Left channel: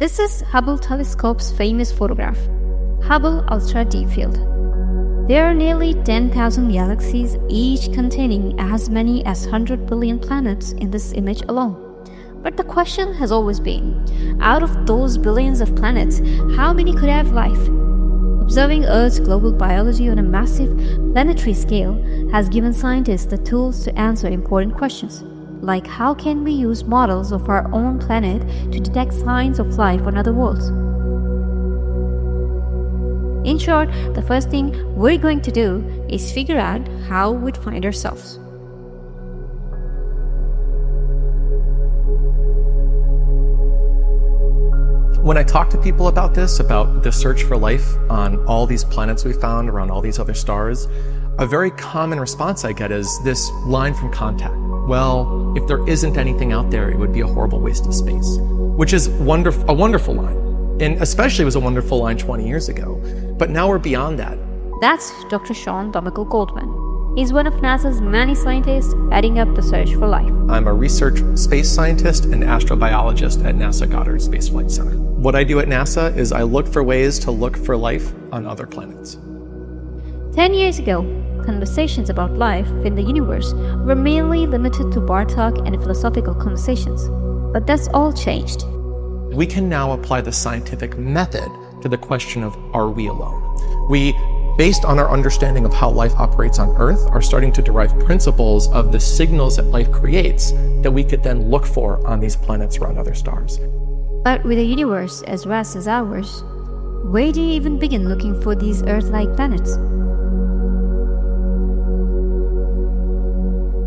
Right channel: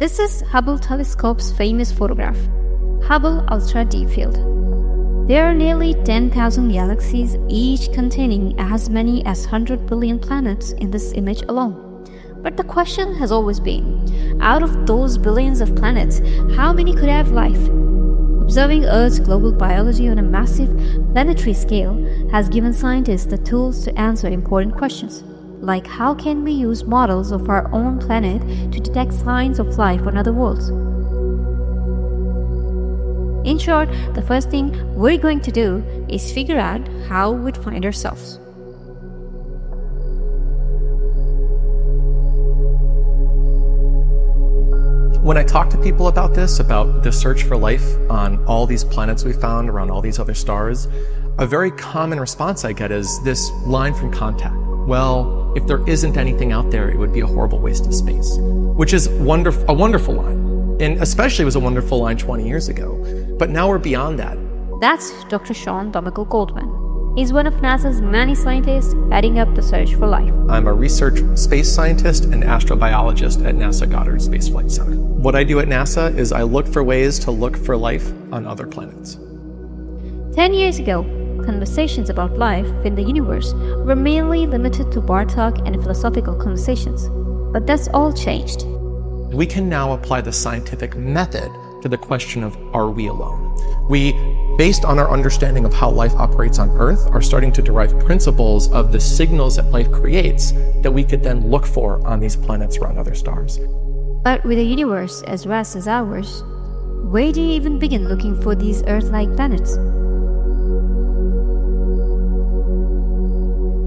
This is Hubble telescope's famous photograph, Hubble Ultra Deep Field. There are nearly 10,000 galaxies, each containing as many as 100 billion planets in this image alone. But the question has always been, out of those billions of planets, how many could have life? Observing Earth's global biology on a massive planetary scale has given scientists the tools to answer important questions, like how can we use models of our own planet to detect signs of life on other worlds? In short, the first thing we're going to do is figure out how we'd find ourselves. When I talk to people about this, about the search for life on all these planets we found around all these other stars, a very common response I get is this line from Contact. Well, if there isn't anything out there, it would be a horrible waste of space, which is a wonderful line. And especially was a wonderful line 20 years ago. But now we're beyond that. That's Dr. Sean Domingo Goldman. He's one of NASA's many scientists heading up the search for life. I'm a research space scientist and astrobiologist at NASA Goddard Space Flight Center. What I do at NASA is I look for ways to look for life on other planets. 10 years ago, conversations about life in the universe were mainly limited to bar talk and philosophical conversations. But that's all changed. We can now apply the scientific method to the question of, are we alone? We, based on our understanding of how life operates on Earth, are starting to derive principles of the signals that life creates that we could then look for on these planets around other stars. But with a universe as vast as ours, where do you even begin looking for these Earth-like planets?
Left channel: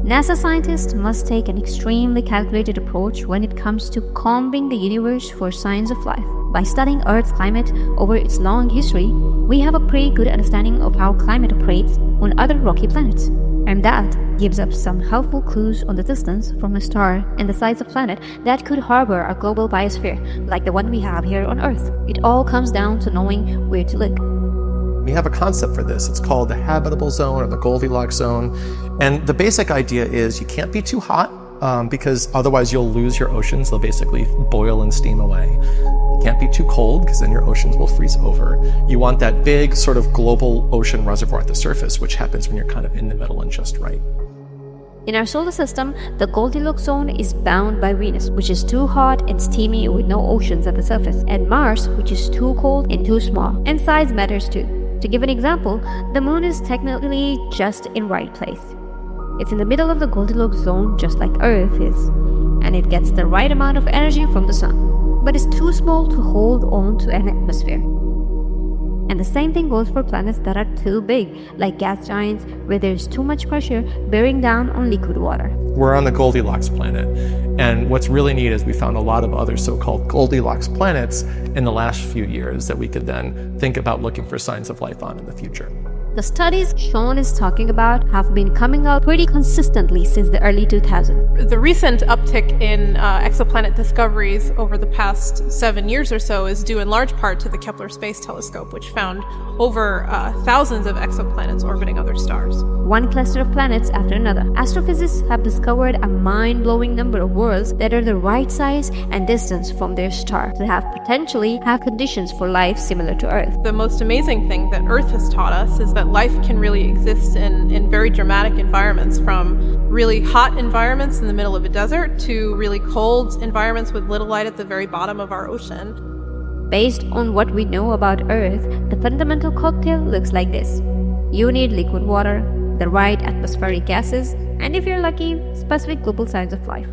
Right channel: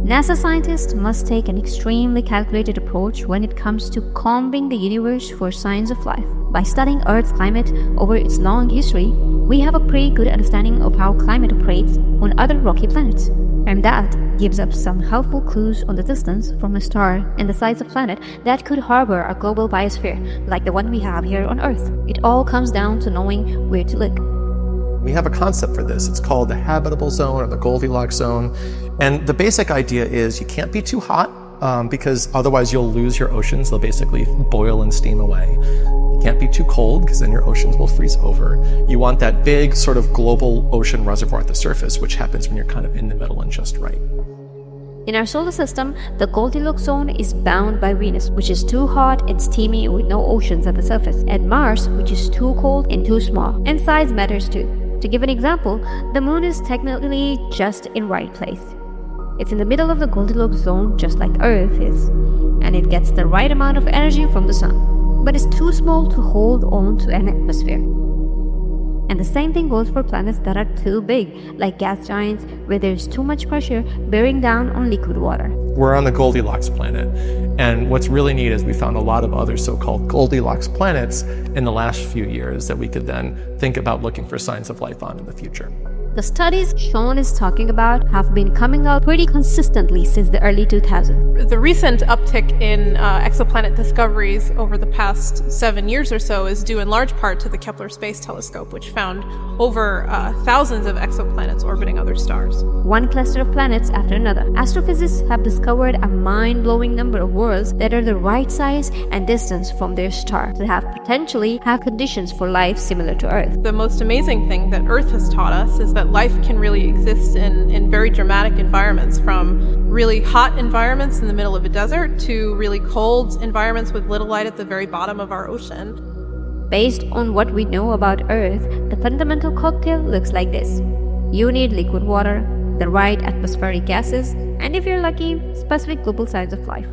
NASA scientists must take an extremely calculated approach when it comes to combing the universe for signs of life. By studying Earth's climate over its long history, we have a pretty good understanding of how climate operates on other rocky planets. And that gives us some helpful clues on the distance from a star and the size of planet that could harbor a global biosphere, like the one we have here on Earth. It all comes down to knowing where to look. We have a concept for this. It's called the habitable zone or the Goldilocks zone. And the basic idea is you can't be too hot because otherwise you'll lose your oceans. They'll basically boil and steam away. You can't be too cold because then your oceans will freeze over. You want that big sort of global ocean reservoir at the surface, which happens when you're kind of in the middle and just right. In our solar system, the Goldilocks zone is bound by Venus, which is too hot and steamy with no oceans at the surface, and Mars, which is too cold and too small. And size matters too. To give an example, the moon is technically just in right place. It's in the middle of the Goldilocks zone just like Earth is, and it gets the right amount of energy from the sun, but it's too small to hold on to an atmosphere. And the same thing goes for planets that are too big, like gas giants, where there's too much pressure bearing down on liquid water. We're on the Goldilocks planet, and what's really neat is we found a lot of other so-called Goldilocks planets in the last few years that we could then think about looking for signs of life on in the future. The studies Sean is talking about have been coming out pretty consistently since the early 2000s. The recent uptick in exoplanet discoveries over the past 7 years or so is due in large part to the Kepler Space Telescope, which found over thousands of exoplanets orbiting other stars. One cluster of planets after another. Astrophysicists have discovered a mind-blowing number of worlds that are the right size and distance from their star to potentially have conditions for life similar to Earth. The most amazing thing that Earth has taught us is that life can really exist in very dramatic environments, from really hot environments in the middle of a desert to really cold environments with little light at the very bottom of our ocean. Based on what we know about Earth, the fundamental cocktail looks like this. You need liquid water, the right atmospheric gases, and if you're lucky, specific global signs of life.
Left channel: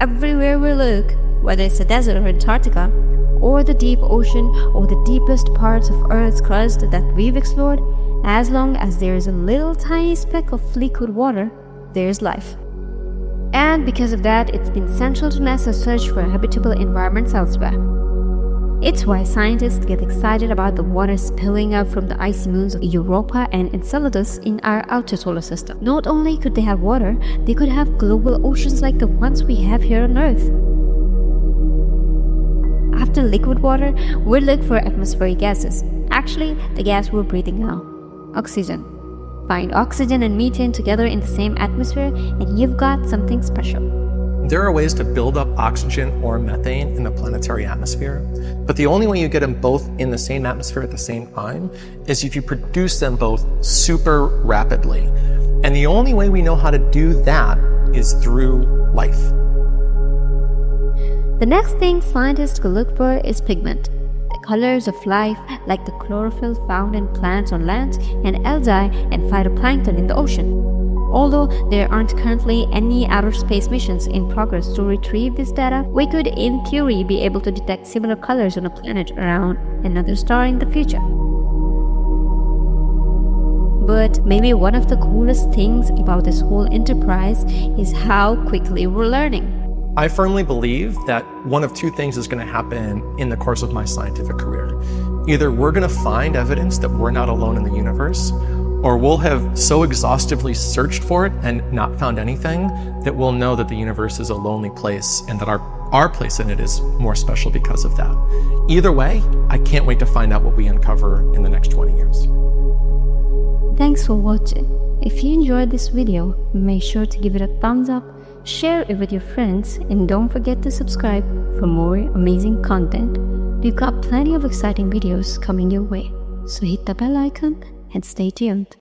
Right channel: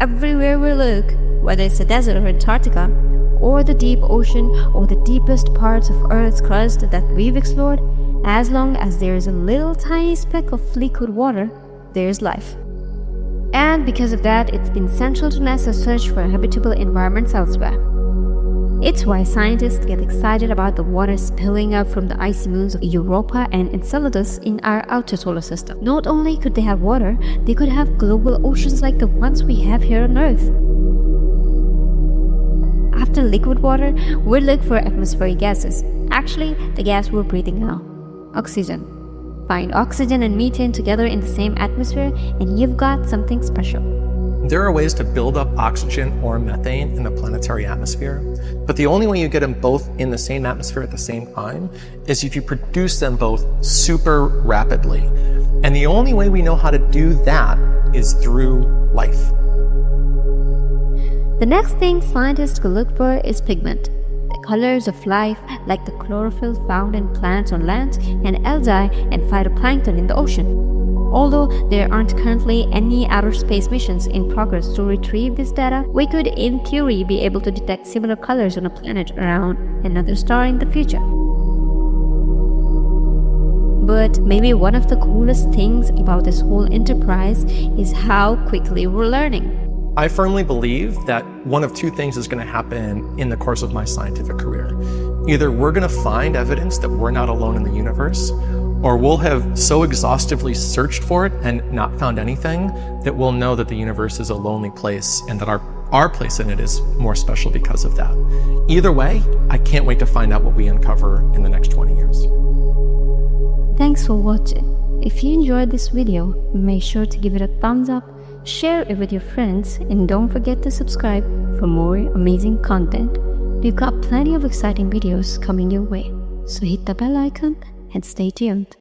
Everywhere we look, whether it's a desert or Antarctica, or the deep ocean, or the deepest parts of Earth's crust that we've explored, as long as there is a little tiny speck of liquid water, there's life. And because of that, it's been central to NASA's search for habitable environments elsewhere. It's why scientists get excited about the water spilling up from the icy moons of Europa and Enceladus in our outer solar system. Not only could they have water, they could have global oceans like the ones we have here on Earth. After liquid water, we'll look for atmospheric gases. Actually, the gas we're breathing now, oxygen. Find oxygen and methane together in the same atmosphere and you've got something special. There are ways to build up oxygen or methane in the planetary atmosphere, but the only way you get them both in the same atmosphere at the same time is if you produce them both super rapidly. And the only way we know how to do that is through life. The next thing scientists could look for is pigment. The colors of life, like the chlorophyll found in plants on land and algae and phytoplankton in the ocean. Although there aren't currently any outer space missions in progress to retrieve this data, we could in theory be able to detect similar colors on a planet around another star in the future. But maybe one of the coolest things about this whole enterprise is how quickly we're learning. I firmly believe that one of two things is going to happen in the course of my scientific career. Either we're going to find evidence that we're not alone in the universe, or we'll have so exhaustively searched for it and not found anything that we'll know that the universe is a lonely place and that our place in it is more special because of that. Either way, I can't wait to find out what we uncover in the next 20 years. Thanks for watching. If you enjoyed this video, make sure to give it a thumbs up, share it with your friends, and don't forget to subscribe for more amazing content. We've got plenty of exciting videos coming your way, so hit the bell icon and stay tuned.